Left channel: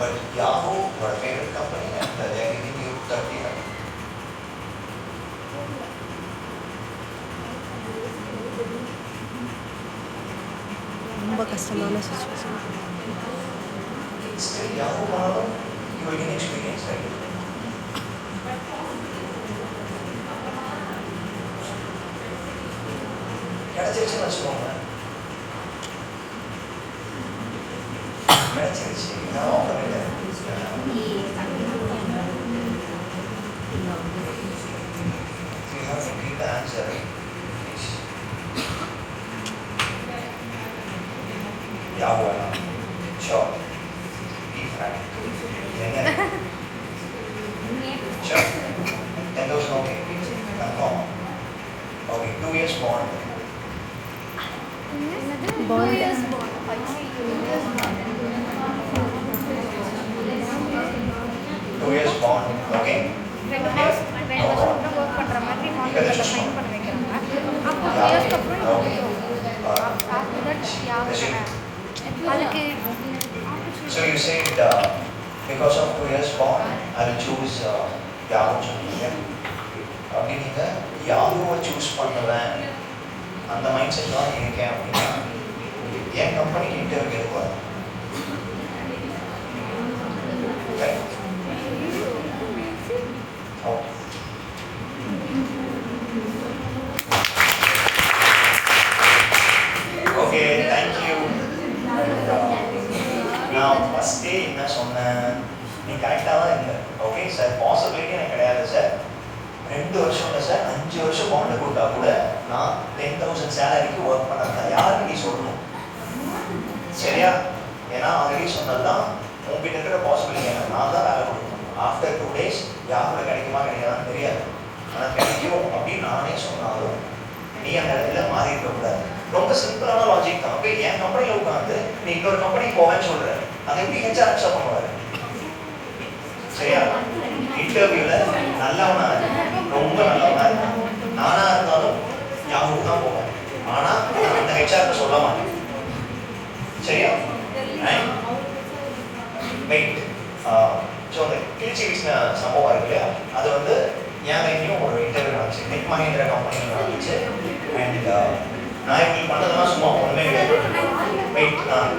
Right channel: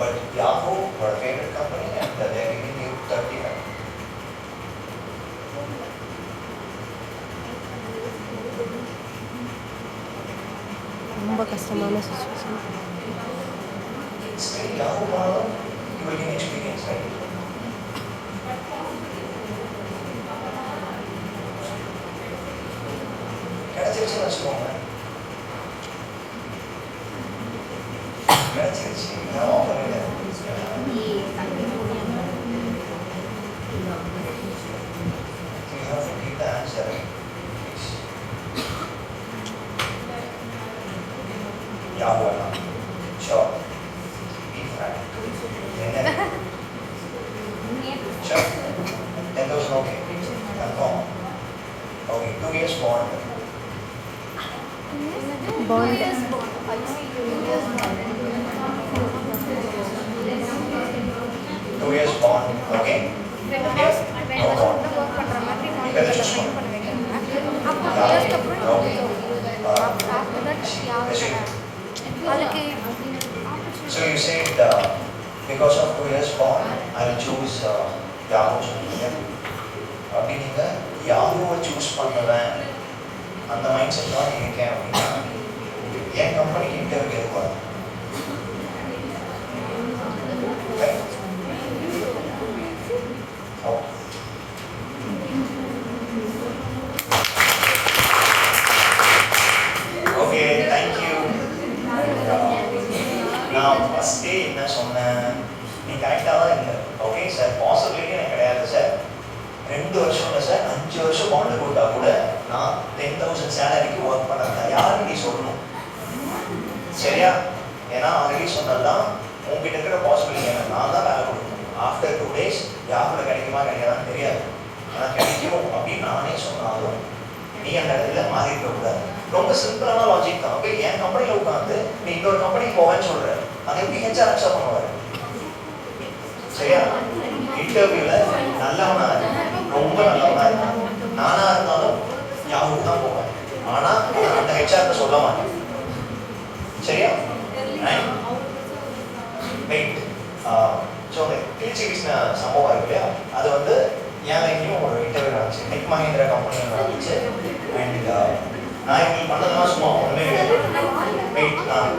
But Yahoo, your favorite company, and they're giving you 39. ரொம்ப கஷ்டமான situation. Still Yahoo பண்ணாலும் you will get experience, right? கிடைச்சிருச்சுன்னு வச்சுக்கோங்க. கிடைச்சிருச்சு நான் ஆஃபர் இல்லை. You have to give the answer, right? Yahoo வேணாம். Sure. Be frank. என்ன? Sure. 10,000 okay. Confirm. Okay, 2 years bond. Bond 2 years bond. Okay. 2 வருஷம் தான் ஒர்க் பண்ணுற மாதிரி கான்ட்ராக்டில் சைன் பண்ண வைக்கிறாங்க. அப்போ 2 இயர்ஸ்க்கு அப்புறம் ஆஃப்டர் தட் யாரு அதுக்கு So you said because of 2 years bond, I will choose Yahoo. அப்படி நீங்கள் யாஹூவை சூஸ் பண்ணுவேன் அந்த மைண்ட் செட் தான் இருக்கேன் அப்படின்னா என் கம்பெனிக்கு இன்டர்வியூ இருக்கும். Okay, thank you. நான் ஃபஸ்ட்டே என்ன சொன்னேன், நீ கரெக்டாக தான் இருந்தேன். ஓகே சார், பாசிபிலிட்டி எனக்கு கிடையாது சார். 2 வருஷம் இல்லை சார், 5 வருஷம் பாண்டு கொடுத்தா கூட நான் 10,000 சேலரிக்கு ஒர்க் பண்ணாதான் யாருக்கு நீ சொல்லணும், சரியா? ஏன்னா ஆல்ரெடி சொன்னதுதான் உங்ககிட்ட இருக்கிற பாசிபிலிட்டி. நான் தான் வேலை கொடுக்கணும். ஆஃப்டர் 2 days யாரோட கிடைக்குமா கிடைக்காதான்னு தெரியாது. ஆனால் கிடைக்கும் அப்படின்னு நானே சொன்னாலும் நீ அந்த இடத்துல மாறி இருக்கக்கூடாது. ரொம்ப சிம்பிளான லாஜிக் தான். அப்போ என் கம்பெனியில் உட்காந்து நீ இன்னொரு கம்பெனிக்கு போவேன்னு சொல்ற, அதை எப்படி ஹெச்ஆர் அக்செப்ட் பண்ணுவாரு? சரியா? இன்டர்வியூல நல்லவனா ரொம்ப நல்லவனா இருக்கும். நானா இருந்தாலும் யாருக்கு தான் போவேன். ஆனா அந்த ஹெச்ஆர்க்கு சொல்ல மாட்டேன். சரியா? வெயிட். ஸோ அந்த திருச்சி சம்பவம் இருக்கு இல்லையா, அது வந்து என் லைஃப்லையும் ஒரு இன்டர்வியூ வந்துச்சு. நெட் மஹேந்திரா கம்பெனியில் வந்துச்சு. அண்ட் நான் இப்படி பண்ணதெல்லாம் சும்மா ஒன்றுமே வெயிட். நான்